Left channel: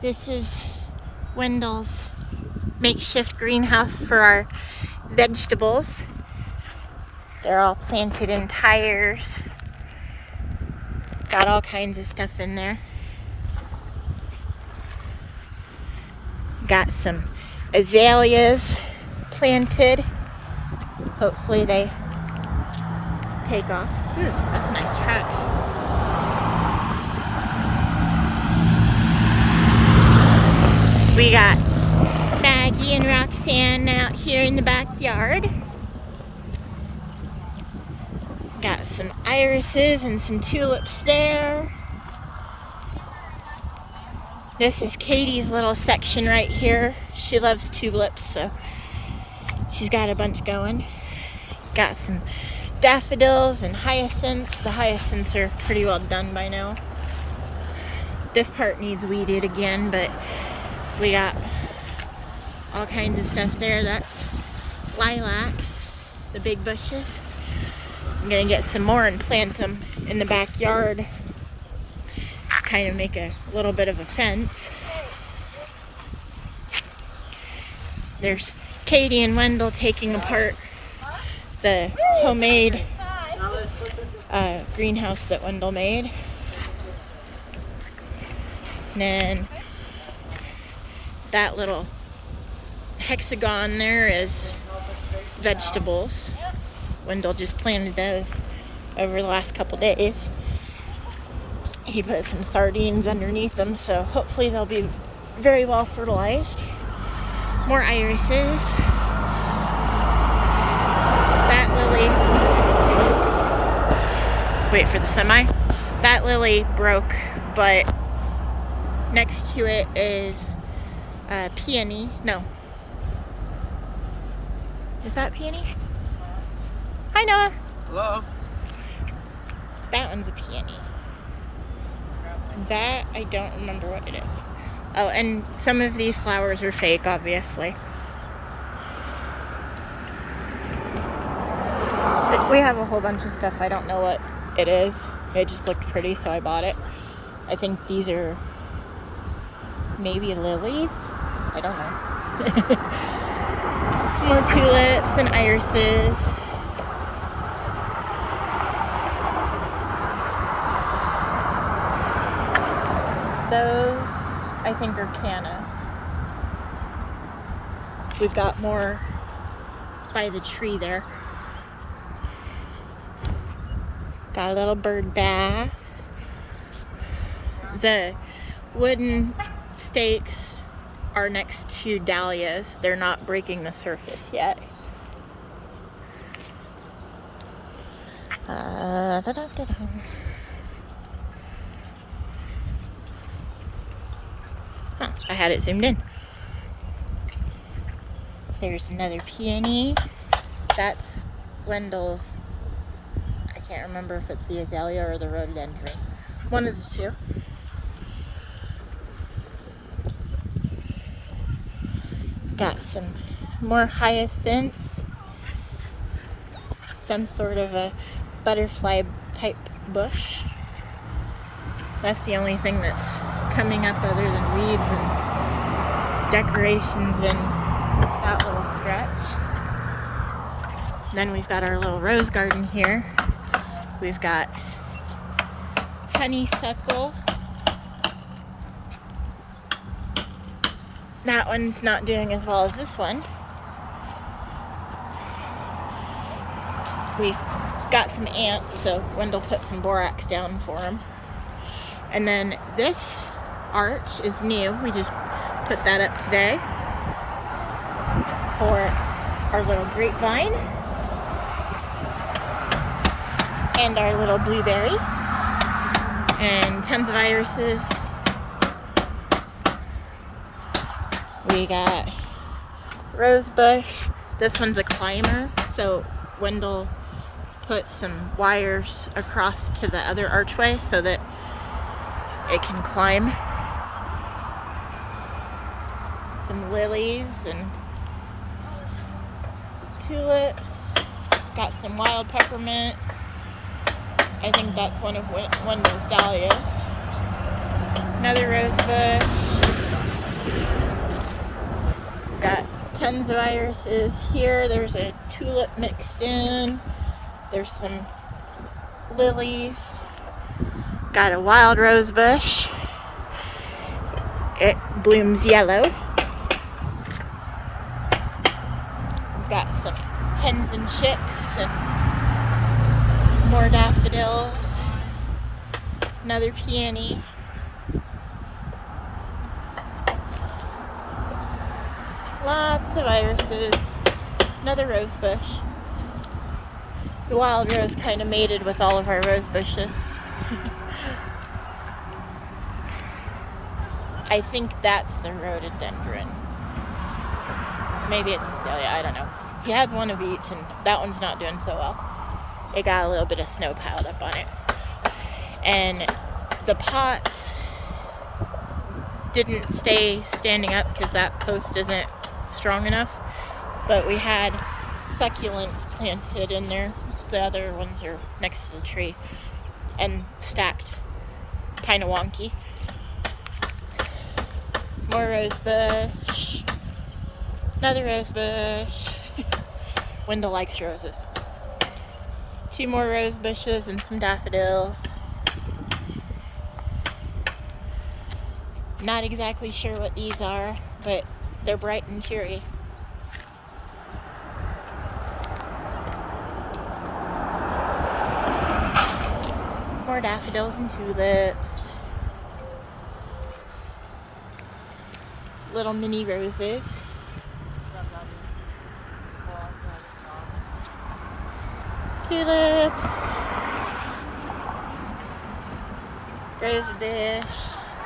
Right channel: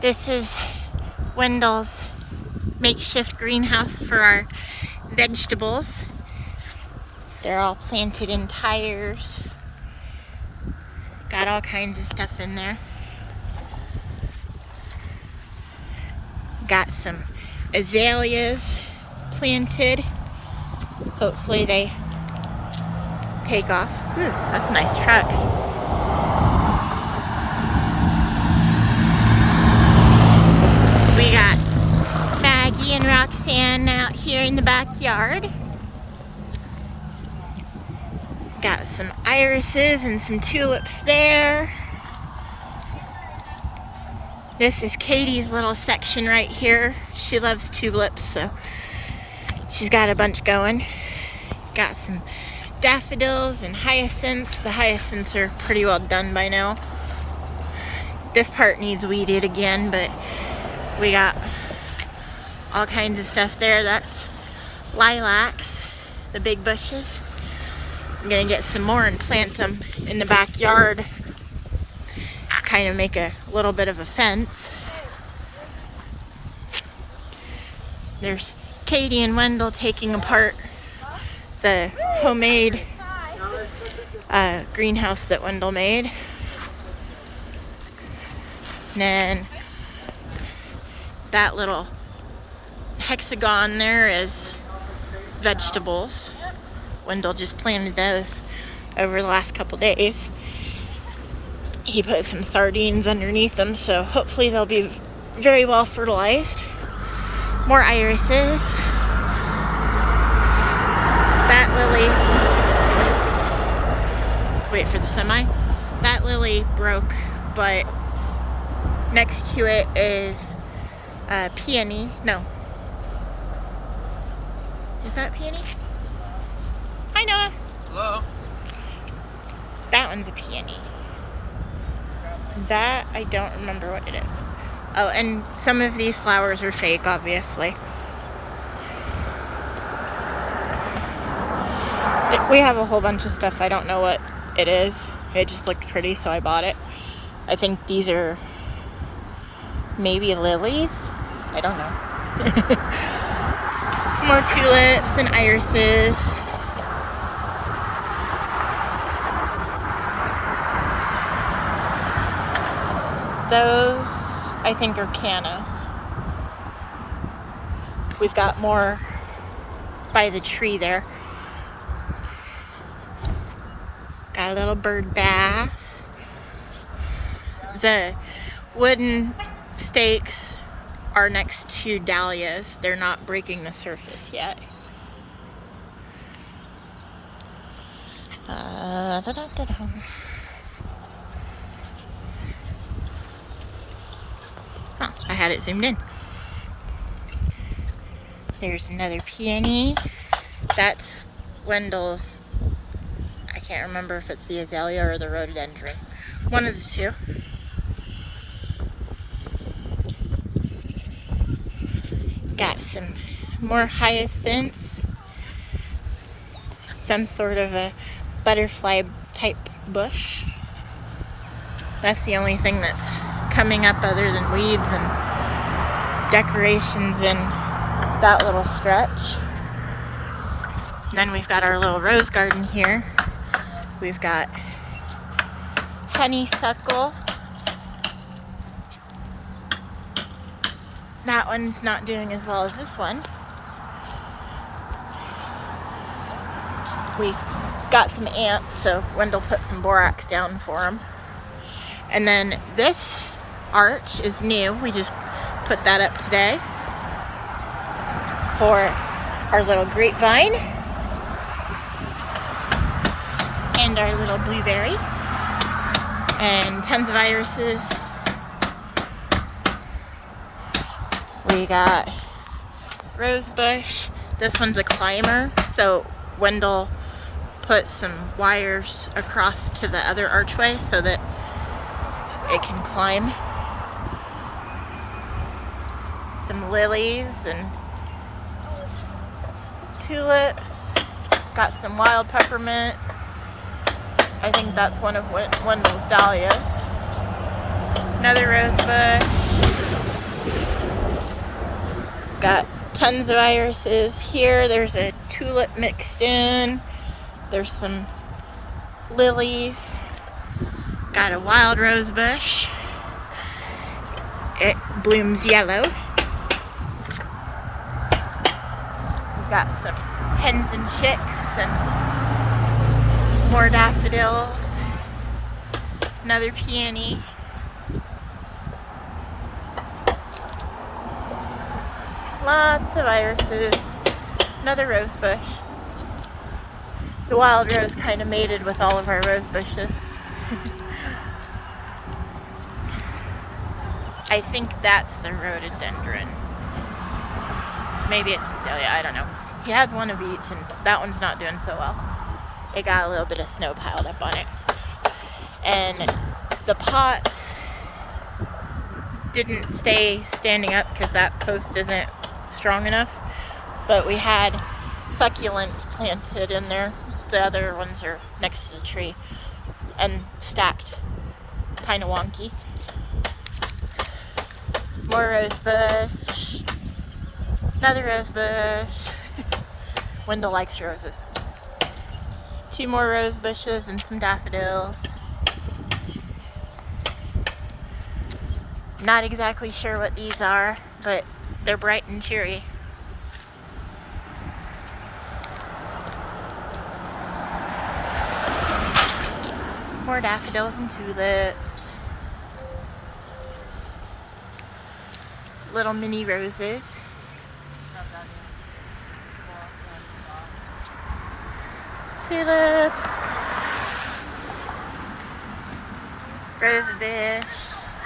This is Wendell's makeshift greenhouse for our vegetables. They're all planted in tires. Got all kinds of stuff in there. Got some azaleas planted. Hopefully they take off. Ooh, that's a nice truck. We got Maggie and Roxanne out here in the backyard. Got some irises and some tulips there. This is Katie's little section right here. She loves tulips, so she's got a bunch going. Got some daffodils and hyacinths. The hyacinths are pretty well done by now. This part needs weeded again, but we got all kinds of stuff there. That's lilacs, the big bushes. I'm gonna get some more and plant them in the backyard. Kind of make a little bit of a fence. There's Katie and Wendell taking apart the homemade greenhouse that Wendell made. And then that little hexagon there is vegetables. Wendell just planted those over the last couple days. He put some sardines underneath them, so hopefully they'll be very well fertilized. More irises. That lily, wait for the semi. That lily broke, but next to it is peony. No. Is that peony? Hi, Noah. Hello. That one's a peony. That, I don't remember what it is. Oh, and some of these flowers are fake, obviously. We have a whole bunch of stuff. I don't know what it is. It just looked pretty, so I bought it. I think these are maybe lilies. I don't know. Some more tulips and irises. Those, I think, are cannas. We've got more by the tree there. Got a little bird bath. The wooden stakes are next to dahlias. They're not breaking the surface yet. Oh, I had it zoomed in. There's another peony. That's Wendell's. I can't remember if it's the azalea or the rhododendron. One of the two. Got some more hyacinths. Some sort of a butterfly type bush. That's the only thing that's coming up other than weeds and decorations in that little stretch. Then we've got our little rose garden here. We've got honeysuckle. That one's not doing as well as this one. We've got some ants, so Wendell put some borax down for them. And then this arch is new. We just put that up today for our little grapevine and our little blueberry and tons of irises. We got rose bush. This one's a climber, so Wendell put some wires across to the other archway so that it can climb. Some lilies and tulips. Got some wild peppermint. I think that's one of Wendell's dahlias. Another rose bush. got tons of irises here. There's a tulip mixed in. There's some lilies. Got a wild rose bush. It blooms yellow. We've got some hens and chicks and more daffodils. Another peony. Lots of irises. Another rose bush. The wild rose kind of mated with all of our rose bushes. I think that's the rhododendron. Maybe it's Cecilia, I don't know. He has one of each, and that one's not doing so well. It got a little bit of snow piled up on it. And the pots didn't stay standing up because that post isn't strong enough. But we had succulents planted in there. The other ones are next to the tree and stacked kind of wonky. Some more rose bush. Another rose bush. Wendell likes roses. 2 more rose bushes and some daffodils. Not exactly sure what these are, but they're bright and cheery. More daffodils and tulips. Little mini roses. Tulips. Rose bush.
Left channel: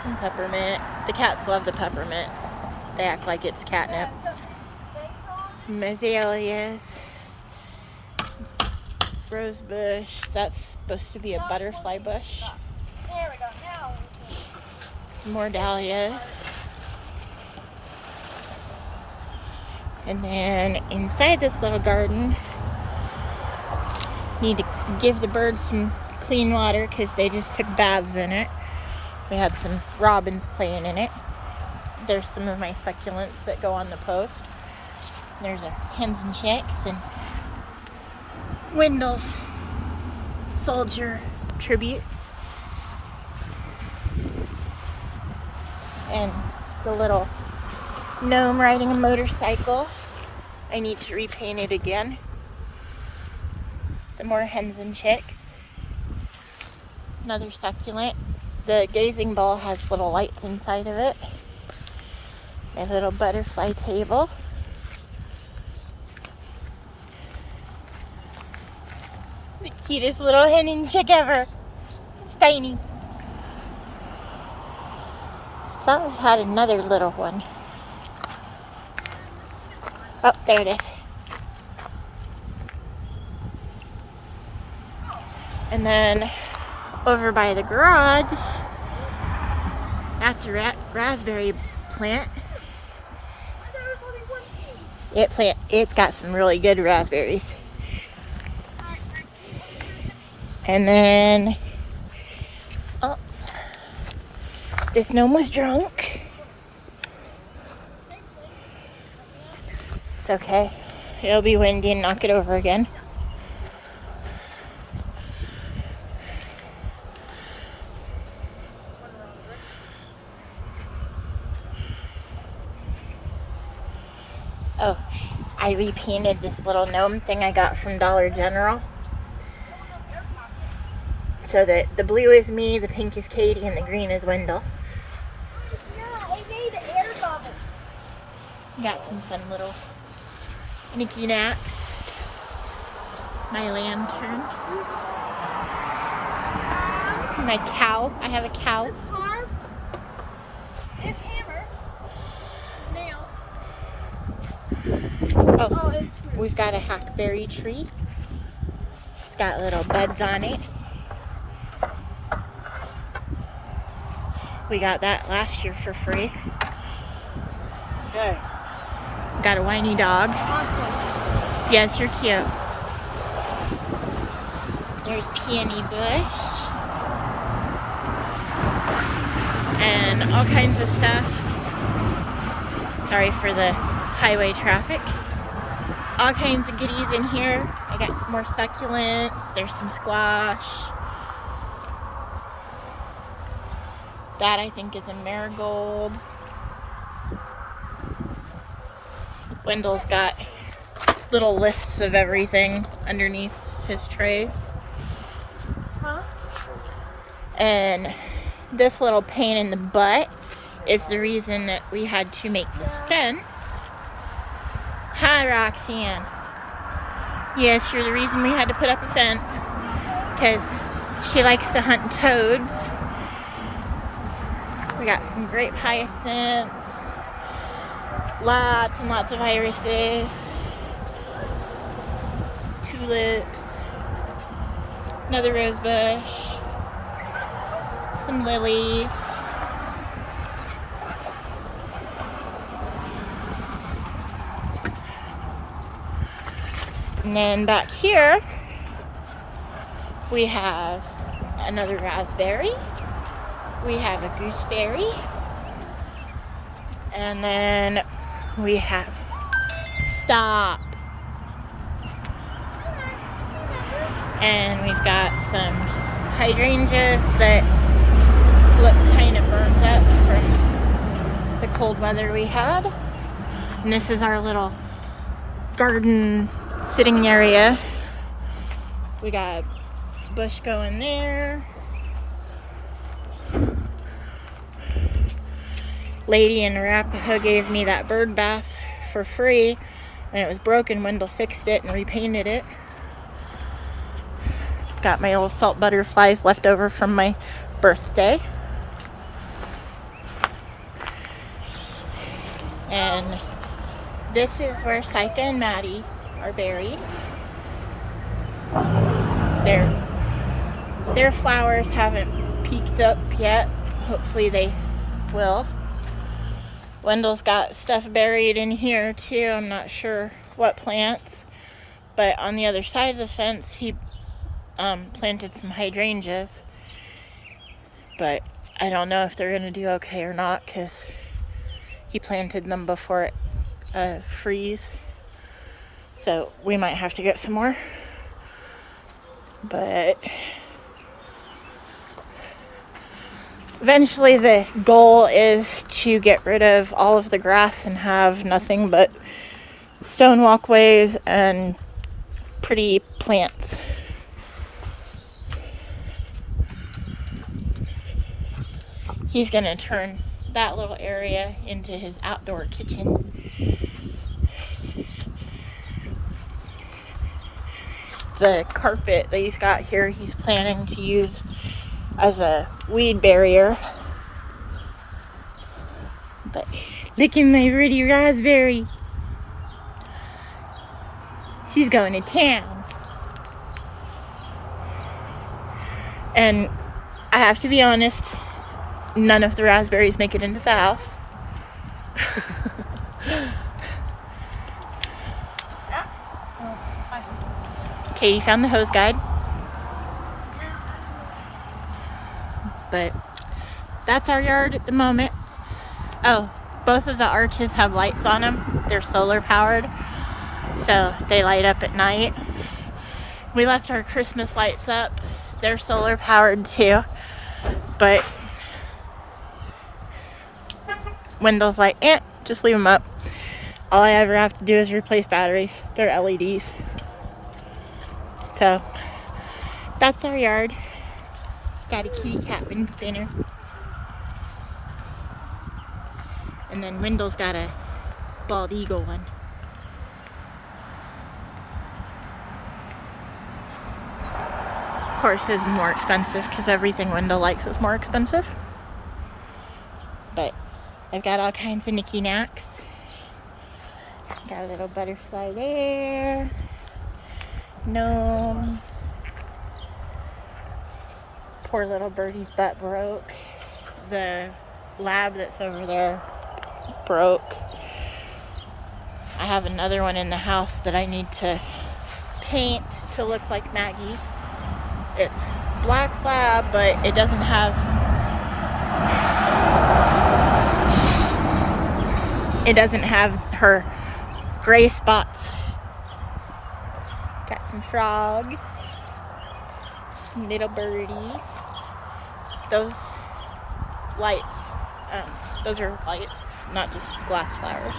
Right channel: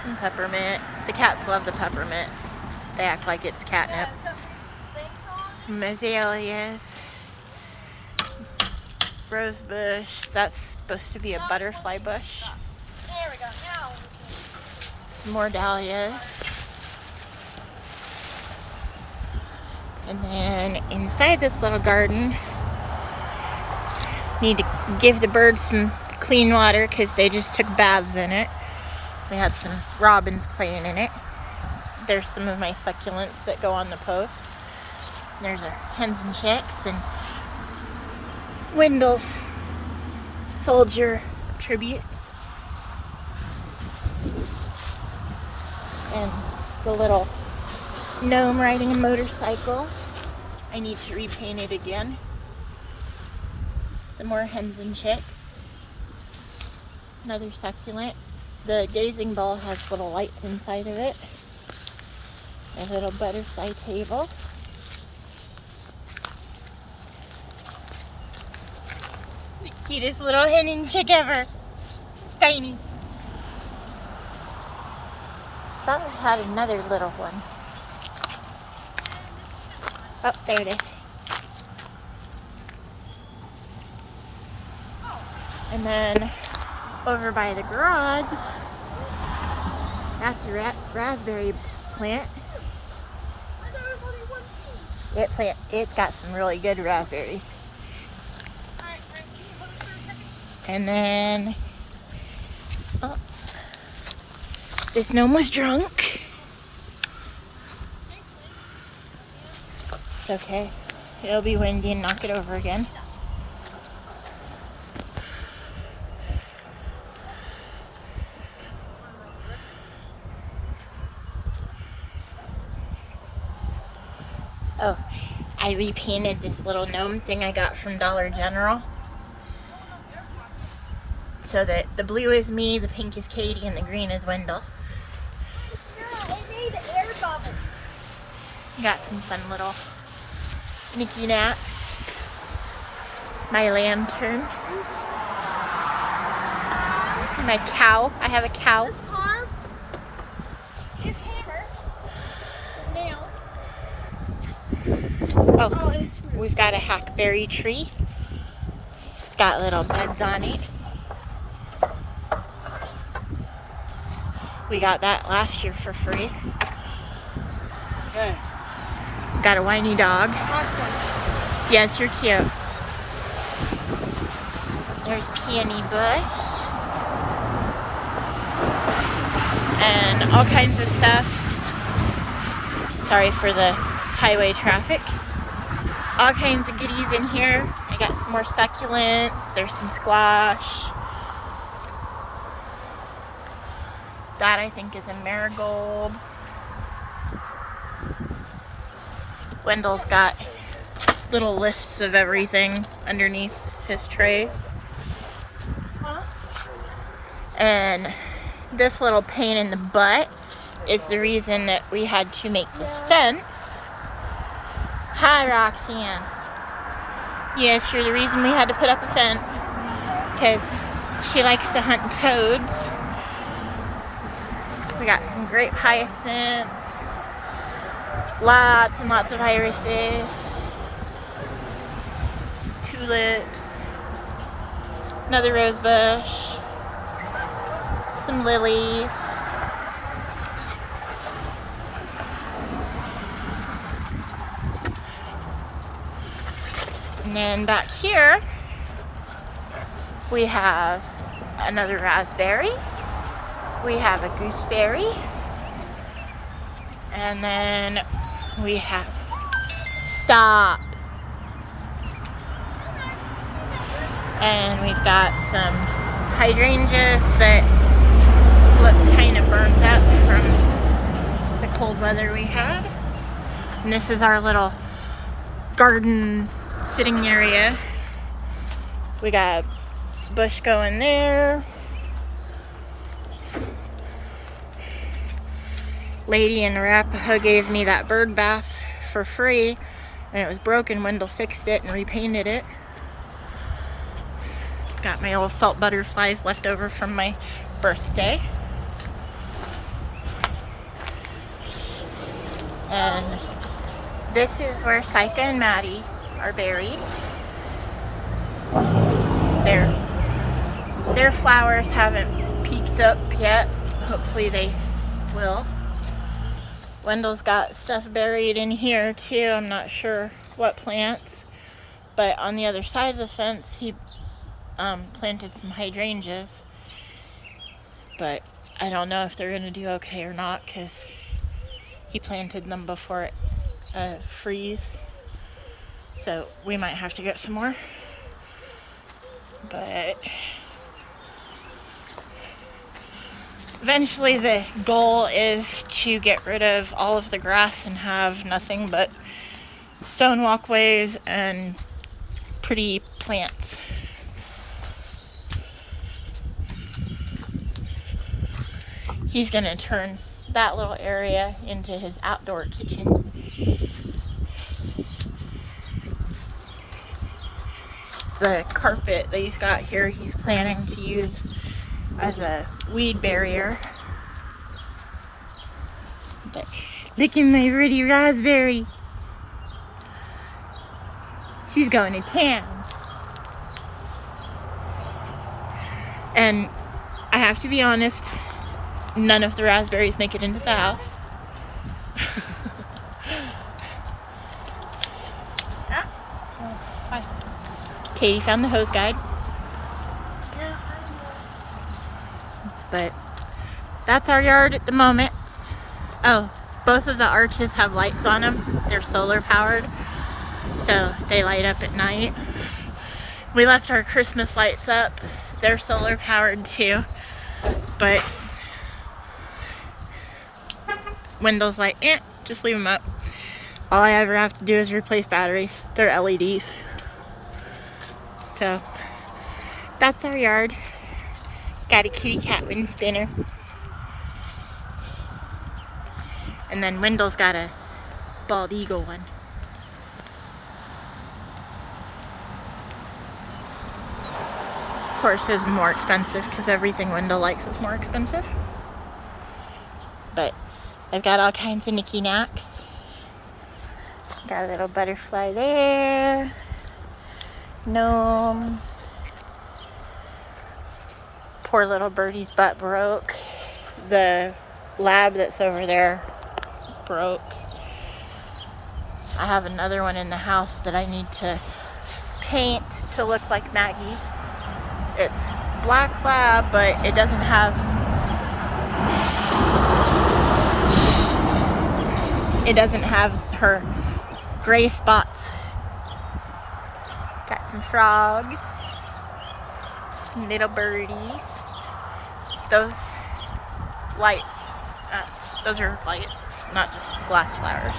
Some peppermint. The cats love the peppermint. They act like it's catnip. Some azaleas. Rose bush. That's supposed to be a butterfly bush. There we go. Now. Some more dahlias. And then inside this little garden, need to give the birds some clean water because they just took baths in it. We had some robins playing in it. There's some of my succulents that go on the post. There's our hens and chicks and Wendell's soldier tributes. And the little gnome riding a motorcycle. I need to repaint it again. Some more hens and chicks. Another succulent. The gazing bowl has little lights inside of it. A little butterfly table. The cutest little hen and chick ever. It's tiny. Thought we had another little one. Oh, there it is. And then over by the garage, that's a raspberry plant. It's got some really good raspberries. And then, oh, this gnome was drunk. It's okay. It'll be windy and knock it over again. Oh, I repainted this little gnome thing I got from Dollar General. So that the blue is me, the pink is Katie, and the green is Wendell. Yeah, it made an air bubble. Got some fun little knicky knacks. My lantern. My cow. I have a cow. This arm is hammer. Nails. Oh, It's screw. we've got a hackberry tree. It's got little buds on it. We got that last year for free. Got a whiny dog. Yes, you're cute. There's peony bush. And all kinds of stuff. Sorry for the highway traffic. All kinds of goodies in here. I got some more succulents. There's some squash. That I think is a marigold. Wendell's got little lists of everything underneath his trays. And this little pain in the butt is the reason that we had to make this fence. Hi, Roxanne. Yes, you're the reason we had to put up a fence, because she likes to hunt toads. We got some grape hyacinths, lots and lots of irises, tulips, another rose bush, some lilies. And then back here, we have another raspberry. We have a gooseberry. And then we have, stop. And we've got some hydrangeas that look kind of burnt up from the cold weather we had. And this is our little garden sitting area. We got a bush going there. Lady in Arapahoe gave me that bird bath for free, and it was broken. Wendell fixed it and repainted it. Got my old felt butterflies left over from my birthday. And this is where Sika and Maddie are buried. Their flowers haven't peaked up yet. Hopefully they will. Wendell's got stuff buried in here too. I'm not sure what plants, but on the other side of the fence he planted some hydrangeas, but I don't know if they're gonna do okay or not, because he planted them before it freeze. So we might have to get some more. But eventually the goal is to get rid of all of the grass and have nothing but stone walkways and pretty plants. He's gonna turn that little area into his outdoor kitchen. The carpet that he's got here, he's planning to use as a weed barrier. But look at my pretty raspberry. She's going to town. And I have to be honest, none of the raspberries make it into the house. Hi. Katie found the hose guide. But that's our yard at the moment. Oh, both of the arches have lights on them. They're solar powered, so they light up at night. We left our Christmas lights up. They're solar powered too. But Wendell's like, just leave them up. All I ever have to do is replace batteries. They're LEDs. So that's our yard. Got a kitty cat wind spinner. And then Wendell's got a bald eagle one. Of course, his is more expensive because everything Wendell likes is more expensive. But I've got all kinds of knicky knacks. Got a little butterfly there. Gnomes. Poor little birdie's butt broke. The lab that's over there broke. I have another one in the house that I need to paint to look like Maggie. It's black lab, but it doesn't have her gray spots. Got some frogs, some little birdies. Those lights, those are lights, not just glass flowers.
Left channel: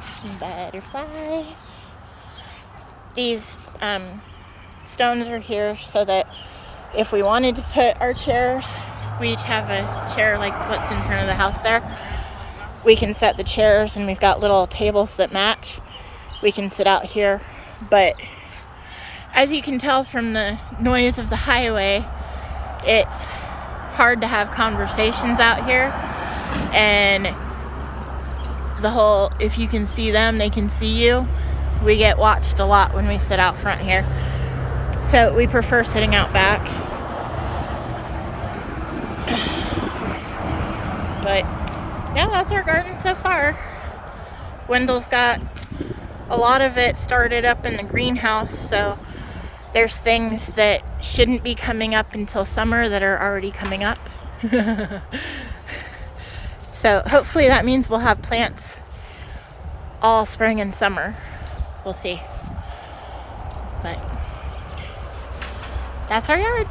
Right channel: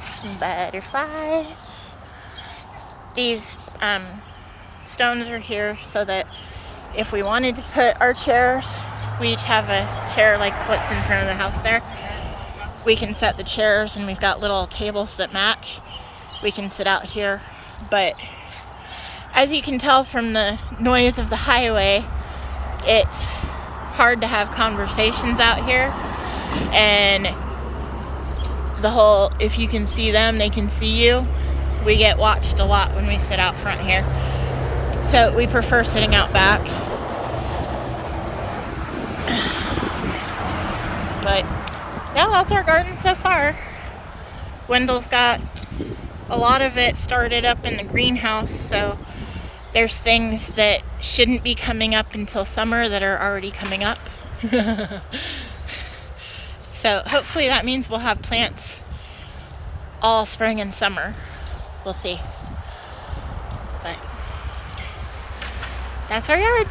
Some butterflies. These stones are here so that if we wanted to put our chairs, we each have a chair like what's in front of the house there. We can set the chairs, and we've got little tables that match. We can sit out here, but as you can tell from the noise of the highway, it's hard to have conversations out here, and if you can see them, they can see you. We get watched a lot when we sit out front here, so we prefer sitting out back. But yeah, that's our garden so far. Wendell's got a lot of it started up in the greenhouse, so there's things that shouldn't be coming up until summer that are already coming up. So hopefully that means we'll have plants all spring and summer. We'll see. But that's our yard.